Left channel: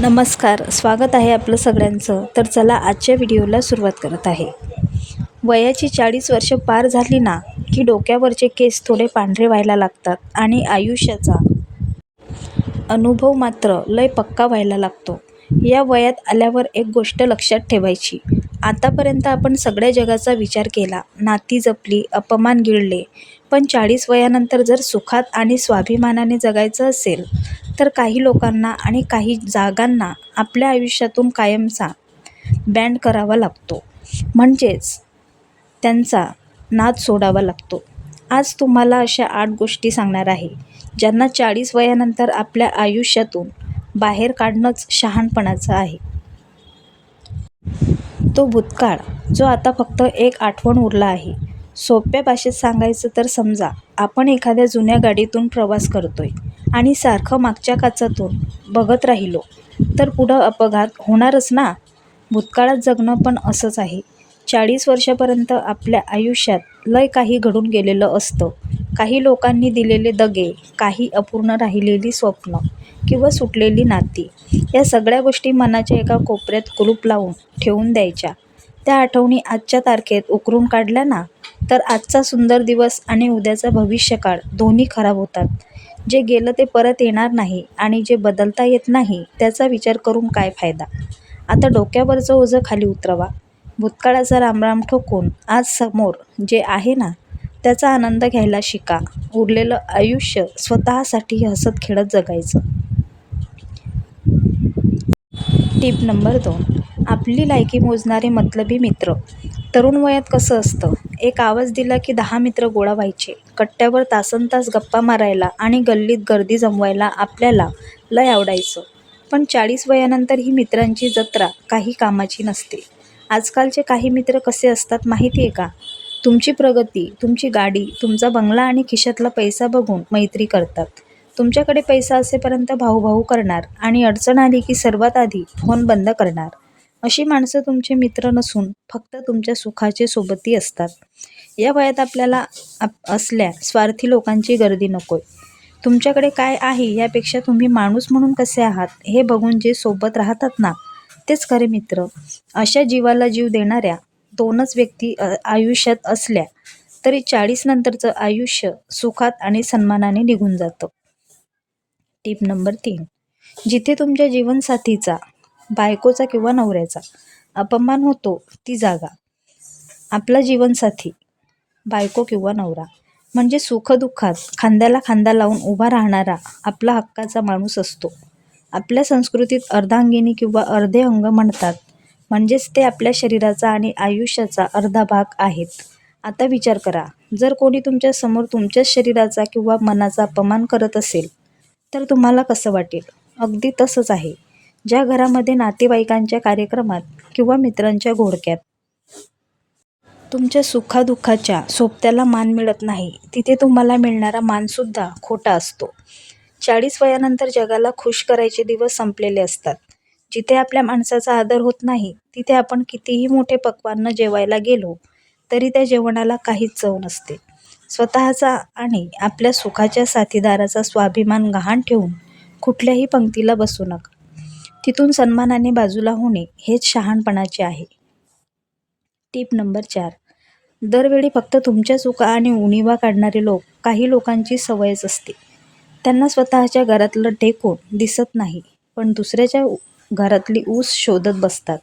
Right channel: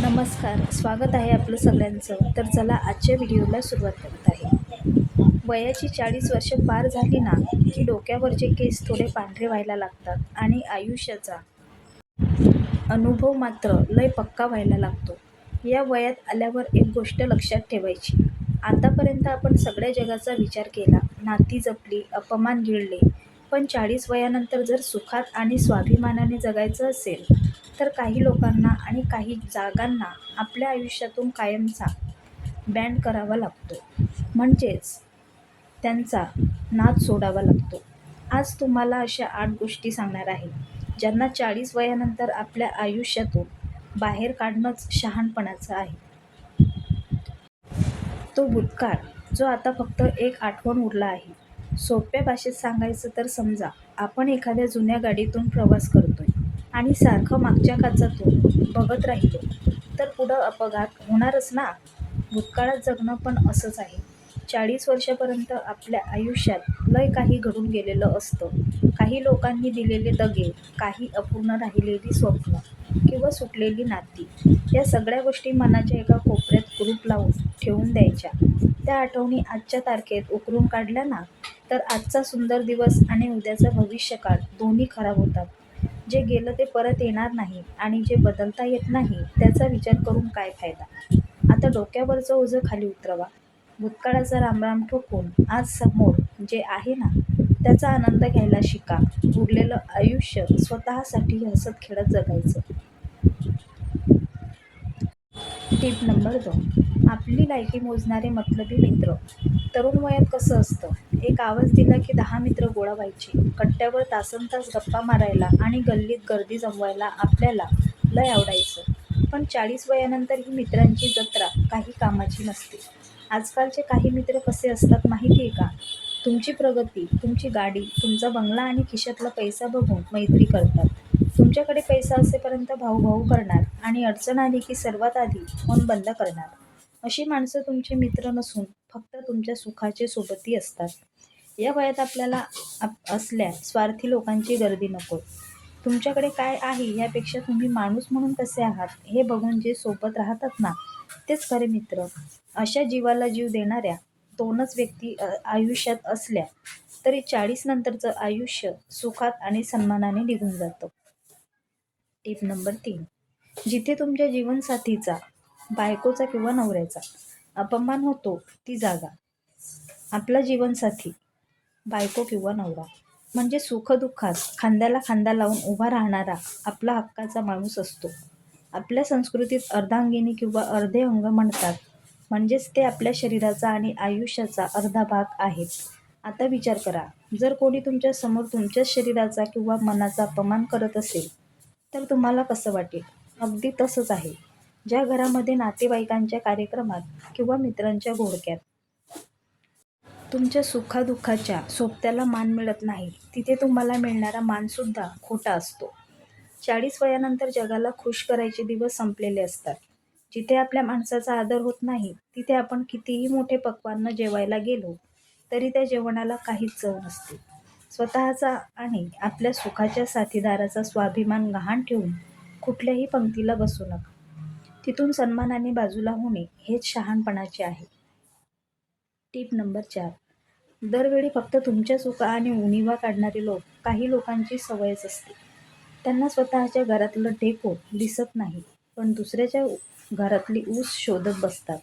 नमस्कार, स्वागत आहे आपलं सगळ्यांचं. तर चला आजच्या व्हिडिओला सुरुवात करत आहे. वयाची 40 वर्ष पार झाली ना की डोक्यावरचे केस थोडे पांढरे व्हायला लागतात आणि आयुष्याचा अनुभव मात्र लय पक्का व्हायला लागतो. या वयात आल्यावर एक गोष्ट लक्षात ठेवायची, आतापर्यंत आपण सगळ्या जगाचा विचार केला, नाती जपली, अपमान गिळले, पण 40 वयानंतर जर सुखात आणि स्वाभिमानाने जगायचं असेल तर काही लोकांना आणि काही जागांना आपल्या आयुष्यातून कायमचा बॅन करावा लागतो, म्हणजेच त्यांचा नाद सोडावा लागतो. आज तुम्हाला अशा 8 गोष्टी सांगणार आहे ज्यांना 40 वयानंतर आपल्या आयुष्यातून बाहेर काढणंच शहाणपणाचं आहे. तो भूतकाळ जो आता फक्त एक आठवण उरला आहे. सोप्या भाषेत सांगायचं तर समजा आपण एखाद्या जुन्या गाडीतून प्रवास करतोय आणि सारखं मागच्या काचातून बघत राहिलो तर पुढं अपघात होणारच ना. भूतकाळात जगणं पण असंच आहे. 40 वर्षापर्यंत आपल्या आयुष्यात लय काही घडून गेलेलं असतं. काही लोकांनी दिलेले दगे, काही अपूर्ण राहिलेली स्वप्न किंवा सुटलेली नाती, या सगळ्या गोष्टी मनाच्या एका कोपऱ्यात कुलूप लावून ठेवून द्यायच्या. त्या आठवणी आजच्या तारखेत उकरून काढल्या ना तर आजचा सुंदर दिवस आणि उद्याचा भविष्यकाळ दोन्ही खराब होतात. जे गेलं ते परत येणार नाही आणि जे बदलता येत नाही त्याचा विचार करून काय फायदा. आता डोक्यावरचं ओझं खाली उतरवा. भूतकाळाचा रामराम ठोकून आज समोर जे आहे ना त्याचा आनंद घ्यायला शिका. उरलेलं आयुष्य स्वतःसाठी हसत खेळत जगायचं. टिप नंबर 2, आपली लायकी मोजणारे मतलबी मित्र. तरुण वयात कसं असतं, एक आवाज दिला की 10 मित्र गोळा व्हायचे. कट्ट्यावर तासनतास गप्पा मारायला आणि गल्लीत गर्दी जमवायला आपल्याला लय आवडायचं. पण 40 वयानंतर ही मित्रांची जत्रा काही कामाची नसते. आजकालचे काही मित्र कसे असतात माहिती आहे का? तुमची प्रगती, तुमची गाडी, तुमचा बंगला आणि खिशातला पैसा बघून मैत्री करतात. तुमच्याकडे पैसा असेपर्यंत भाऊ करणार आणि अडचण आली की सर्वात आधी फोन बंद करणार. अशी माणसं तुमचे मित्र नसून फक्त तुमच्या सुखाचे सोबती असतात. या वयात आपल्याला असल्या स्वार्थी लोकांची गर्दी नकोय. तुमच्याकडे काय आहे यापेक्षा तुम्ही माणूस म्हणून कसे आहात हे बघून जे सोबत राहतात ना तेच खरे मित्र. अशा जीवाला जीव देणाऱ्या 2च व्यक्ती आयुष्यात असल्या तरी 40 नंतरचं आयुष्य सुखात आणि सन्मानाने निघून जातं. टिप नंबर 3, जिथे तुमच्या जीवनसाथीचा, बायकोचा किंवा नवऱ्याचा अपमान होतो ती जागा. आपला जीवनसाथी, बायको किंवा नवरा म्हणजे सुखदुःखात खांद्याला खांदा लावून उभा राहणारा आपला हक्काचा माणूस असतो. आपल्या संस्कृतीत अर्धांगिनी किंवा अर्धे अंग म्हणतात, म्हणजेच ते आपल्या शरीराचा आणि आयुष्याचा अर्धा भाग आहेत. आता विचार करा, जर कोणी तुमच्या समोर तुमच्याच शरीराचा किंवा मनाचा अपमान करत असेल तर तुम्हाला कसं वाटेल? अगदी तसंच आहे ज्या घरामध्ये नातेवाईकांच्या कार्यक्रमात किंवा मित्रांच्या घोळक्यात तुमच्या सुखादुःखाच्या सोबत्याला मान मिळत नाही, तिथे तुम्हाला मिळणारा मानसुद्धा खोटा असतो. 40 वयानंतर जगाला खुश करायचे दिवस संपलेले असतात. जिथे आपल्या माणसाचा आदर होत नाही तिथे आपण कितीही मोठे पक्वान्न जेवायला गेलो तरी त्या जेवणाला काहीच चव नसते. स्वतःचा आणि आपल्या सुखाच्या साथीदाराचा स्वाभिमान गहाण ठेवून कुठल्याही पंक्तीला बसू नका. तिथून सन्मानाने बाजूला होणे हेच शहाणपणाचे आहे. टिप नंबर 4, दरवेळी फक्त तुमच्या चुका आणि उणिवा काढणारे लोक. काही लोकांची सवयच असते, त्यांना स्वतःच्या घरातलं ढेकूण दिसत नाही पण दुसऱ्याच्या घरातली ऊस शोधत बसतात.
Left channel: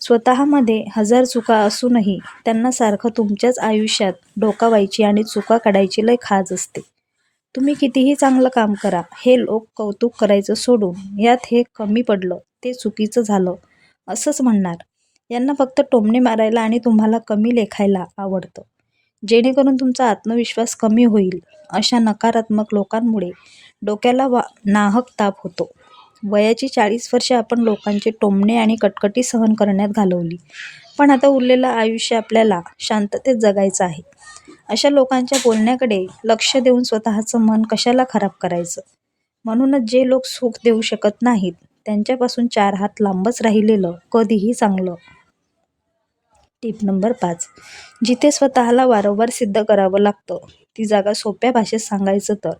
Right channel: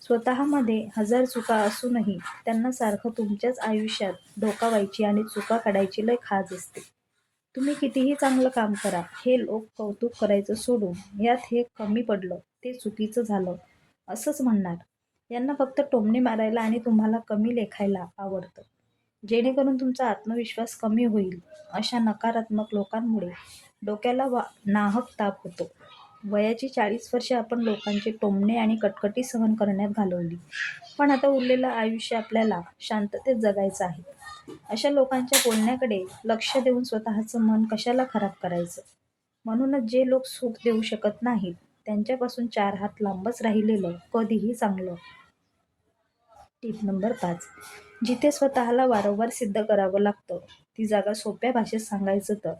स्वतःमध्ये 1000 चुका असूनही त्यांना सारखं तुमच्याच आयुष्यात डोकावायची आणि चुका काढायची लय खाज असते. तुम्ही कितीही चांगलं काम करा, हे लोक कौतुक करायचं सोडून यात हे कमी पडलं, ते चुकीचं झालं असंच म्हणणार. यांना फक्त टोमणे मारायला आणि तुम्हाला कमी लेखायला आवडतं, जेणेकरून तुमचा आत्मविश्वास कमी होईल. अशा नकारात्मक लोकांमुळे डोक्याला नाहक ताप होतो. वयाची 40 वर्षे आपण लोकांचे टोमणे आणि कटकटी सहन करण्यात घालवली, पण आता उरलेलं आयुष्य आपल्याला शांततेत जगायचं आहे. अशा लोकांच्या बोलण्याकडे लक्ष देऊन स्वतःचं मन कशाला खराब करायचं. म्हणूनच जे लोक सुख देऊ शकत नाहीत त्यांच्यापासून 4 हात लांबच राहिलेलं कधीही चांगलं. Tip number 5. जिथे स्वतःला वारंवार सिद्ध करावं लागतं ती जागा सोप्या भाषेत सांगायचं तर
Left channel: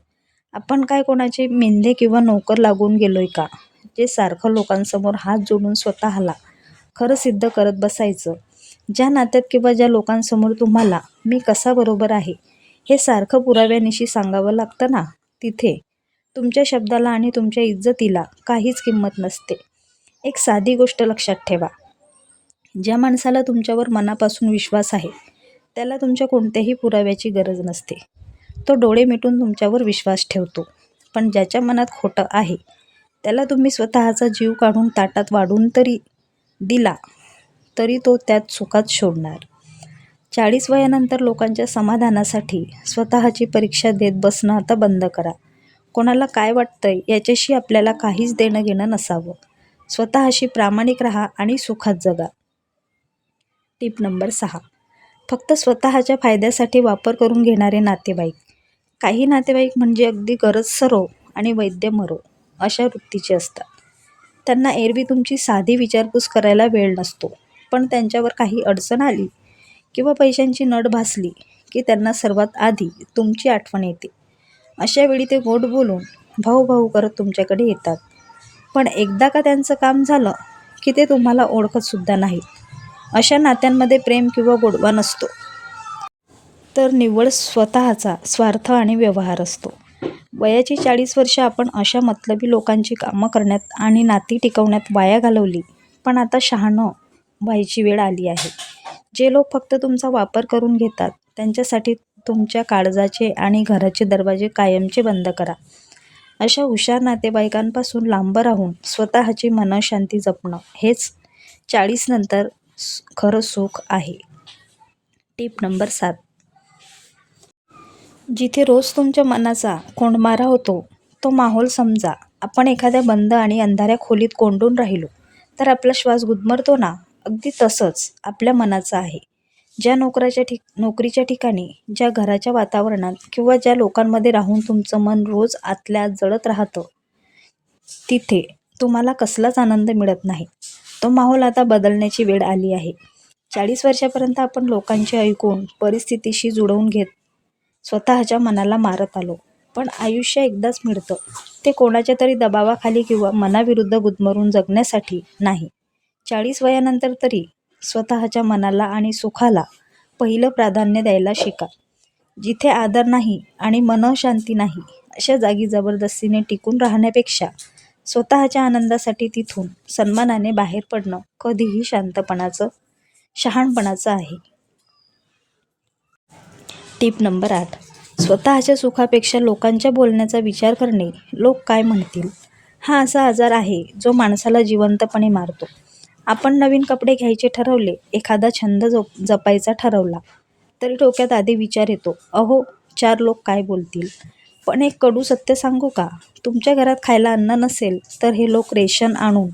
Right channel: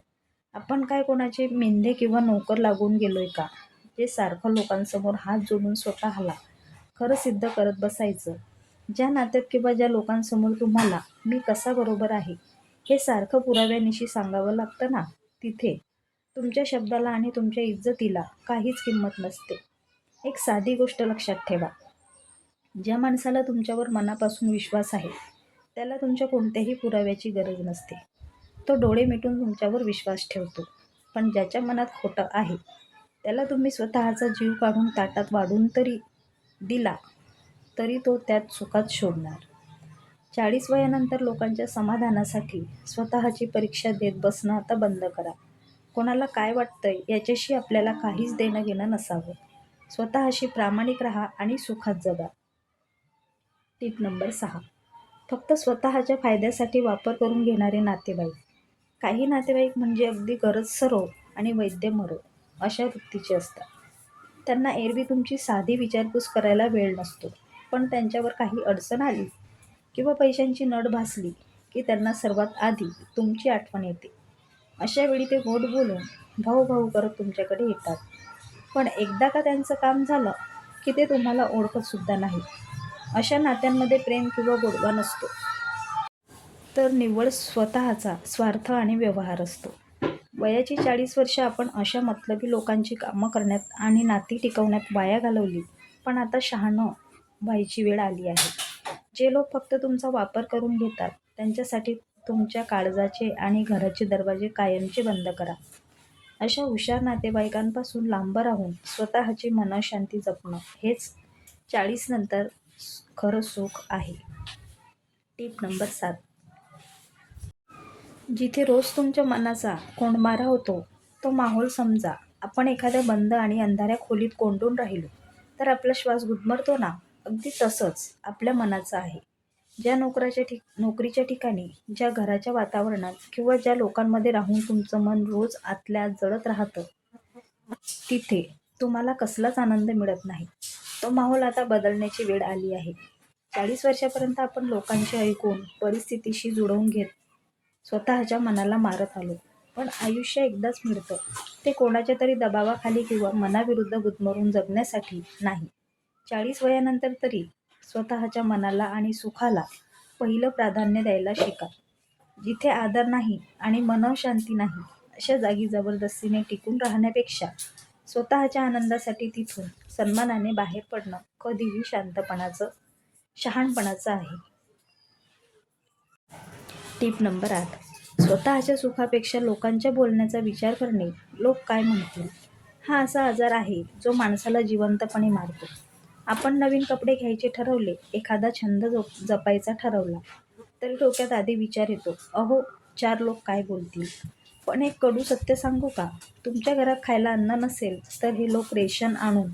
आपण काय कोणाचे मेंढे किंवा नोकर लागून गेलोय का, जे सारखं लोकांसमोर हात जोडून स्वतःला खरं सिद्ध करत बसायचं. ज्या नात्यात किंवा ज्या लोकांसमोर तुम्हाला मी कसा बरोबर आहे हे सारखं पुराव्यानिशी सांगावं लागतं ना, तिथे तुमच्या शब्दाला आणि तुमच्या इज्जतीला काहीच किंमत नसते. एक साधी गोष्ट लक्षात ठेवा. ज्या माणसाला तुमच्यावर मनापासून विश्वास आहे त्याला तुमच्या कोणत्याही पुराव्याची गरज नसते. तो डोळे मिटून तुमच्यावर विश्वास ठेवतो. पण ज्याच्या मनात खोटं आहे त्याला तुम्ही स्वतःचा जीव काढून ताटात वाढून तरी दिला तरी तो त्यात सुखात शोधणार. 40 वयानंतर लोकांच्या समाधानासाठी स्वतःची परीक्षा देत बसणं आता बंद करा. कोणाला काय वाटतंय याच्याशी आपल्याला काहीच देणं घेणं नसावं. स्वतःशी प्रामाणिक राहा आणि सुखात जगा. Tip number 6. फक्त स्वतःच्या फायद्यासाठी वापर करून घेणारे नातेवाईक. काही नातेवाईक म्हणजे अगदी गरज सरो आणि वैद्य मरो अशा वृत्तीचे असतात. त्यांना एरवी तुमची साधी विचारपूस करायला वेळ नसतो. पण त्यांच्यावर काही अडचण आली किंवा पैशांची नड भासली की त्यांना सर्वात आधी तुमची आठवण येते. अशा वेळी ते गोड बोलून भाऊ भाऊ करत तुमच्याकडे येतात. पण एकदा का त्यांचं काम झालं की ते तुम्हाला ओळखतसुद्धा नाहीत. अशा नात्यांमध्ये प्रेम किंवा गोडवा नसतो, तर निव्वळ स्वतःचा स्वार्थ आणि व्यवहार असतो. वयाची 40 वर्ष आपण अशा मतलबी लोकांची कामं करण्यात आणि नाती टिकवण्यात वाया घालवली. पण आता शहाणं व्हायची वेळ आली आहे. जे लोक फक्त तुमचा वापर करून घेतात त्यांच्यासाठी तुमच्या काळजाचे आणि घराचे दरवाजे कायमचे बंद करा. अशा हुशार नातेवाईकांपासून लांब राहून स्वतःची मनःशांती जपणं हेच 40 नंतर खरं सुख आहे. Tip number 7. जिथे रोज तुमच्या मनाचा कोंडमारा होतो तो माहोल समजा. आपण एखाद्या बंद आणि अंधाऱ्या खोलीत कोंडून राहिलो तर आपला श्वास गुदमरतो ना, अगदी तसंच आपल्या मनाचं आहे. ज्या नोकरीच्या ठिकाणी, ज्या घराच्या वातावरणात किंवा ज्या लोकांमध्ये राहून तुमचं मन रोज आतल्या आत जळत राहतं तिथे तुम्हाला कसलाच आनंद मिळत नाही. तो माहोल आता बदलण्याची वेळ आली आहे. 40 वर्षापर्यंत आपण लोकांचे ऐकून परिस्थितीशी जुळवून घेत स्वतःच्या मनाला मारत आलो. पण आयुष्य एकदाच मिळतं, ते कोणाच्या तरी दबावाखाली किंवा मनाविरुद्ध गुदमरून जगण्यासाठी नाही. 40 वयानंतर तरी स्वतःच्या मनाला आणि सुखाला पहिलं प्राधान्य द्यायला शिका. जिथे आदर नाही आणि मनःशांती नाही अशा जागी जबरदस्तीने टिकून राहण्यापेक्षा स्वतःच्या आनंदासाठी तिथून सन्मानाने बाहेर पडणं कधीही शहाणपणाचं आहे. Tip number 8. स्वतःच्या सुखापेक्षा लोकांच्या बोलण्याचा विचार करणे. लोक काय म्हणतील हा असा आजार आहे जो माणसाला जिवंतपणे मारतो. आपण नवीन कपडे घ्यायचे ठरवले, एखादा छंद जपायचा ठरवला तरी डोक्यात आधी विचार येतो, अहो 4 लोक काय बोलतील. पण एक कडू सत्य सांगू का, तुमच्या घरात खायला अन्न नसेल तर हे लोक रेशन आणून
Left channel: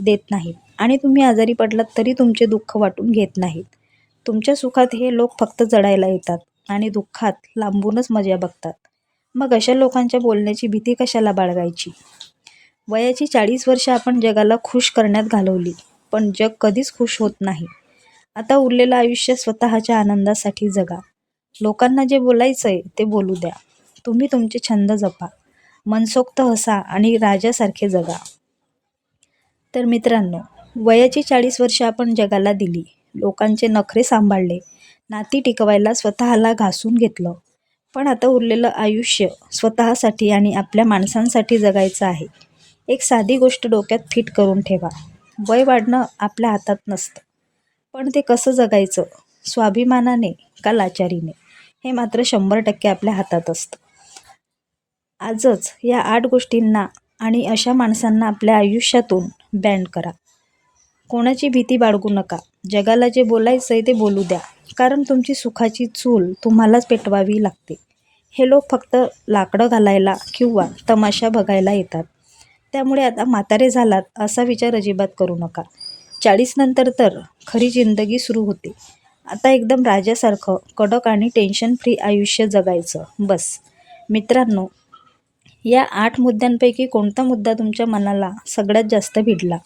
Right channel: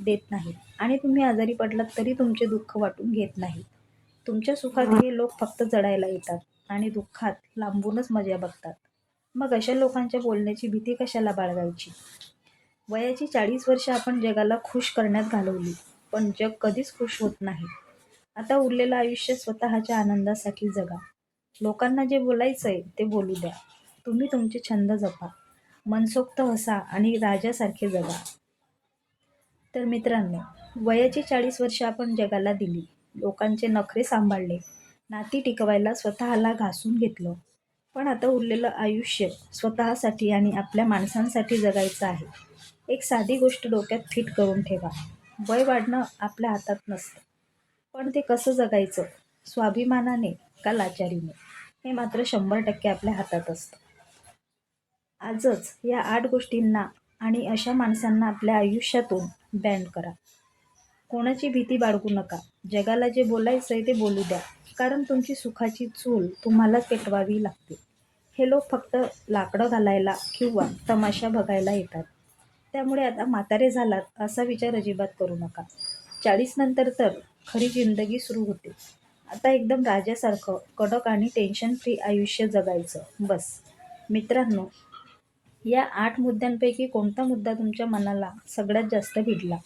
देत नाहीत आणि तुम्ही आजारी पडलात तरी तुमचे दुःख वाटून घेत नाहीत. तुमच्या सुखात हे लोक फक्त जडायला येतात आणि दुःखात लांबूनच मजा बघतात. मग अशा लोकांच्या बोलण्याची भीती कशाला बाळगायची. वयाची 40 वर्ष आपण जगाला खुश करण्यात घालवली, पण जग कधीच खुश होत नाही. आता उरलेलं आयुष्य स्वतःच्या आनंदासाठी जगा. लोकांना जे बोलायचंय ते बोलू द्या. तुम्ही तुमचे छंद जपा, मनसोक्त हसा आणि राजासारखे जगा. तर मित्रांनो, वयाची 40 वर्ष आपण जगाला दिली, लोकांचे नखरे सांभाळले, नाती टिकवायला स्वतःला घासून घेतलं. पण आता उरलेलं आयुष्य स्वतःसाठी आणि आपल्या माणसांसाठी जगायचं आहे. एक साधी गोष्ट डोक्यात फिट करून ठेवा. वय वाढणं आपल्या हातात नसतं, पण ते कसं जगायचं, स्वाभिमानाने का लाचारीने, हे मात्र 100% आपल्या हातात असतं. आजच या 8 गोष्टींना आणि अशा माणसांना आपल्या आयुष्यातून बॅन करा. कोणाची भीती बाळगू नका. जगाला जे बोलायचंय ते बोलू द्या, कारण तुमची सुखाची चूल तुम्हालाच पेटवावी लागते. हे लोक फक्त लाकडं घालायला किंवा तमाशा बघायला येतात. त्यामुळे आता म्हातारे झालात असा विचार अजिबात करू नका. 40 नंतर तर खरी जिंदगी सुरू होते. आता एकदम राजासारखं कडक आणि टेन्शन फ्री आयुष्य जगायचं बस. मित्रांनो, या 8 मुद्द्यांपैकी कोणता मुद्दा तुमच्या मनाला सगळ्यात जास्त भिडला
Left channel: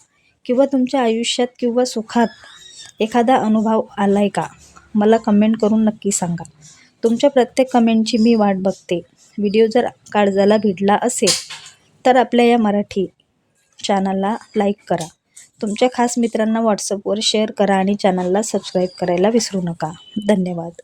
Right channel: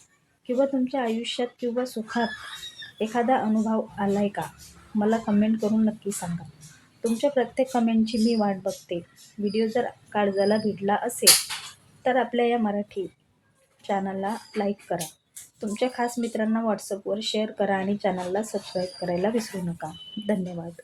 किंवा तुमच्या आयुष्यात किंवा सुखात एखादा अनुभव आलाय का? मला कमेंट करून नक्की सांगा. तुमच्या प्रत्येक कमेंटची मी वाट बघते. व्हिडिओ जर काळजाला भिडला असेल तर आपल्या या मराठी चॅनलला लाईक करा. तुमच्या खास मित्रांना व्हॉट्सअपवर शेअर करा आणि चॅनलला सबस्क्राईब करायला विसरू नका. धन्यवाद.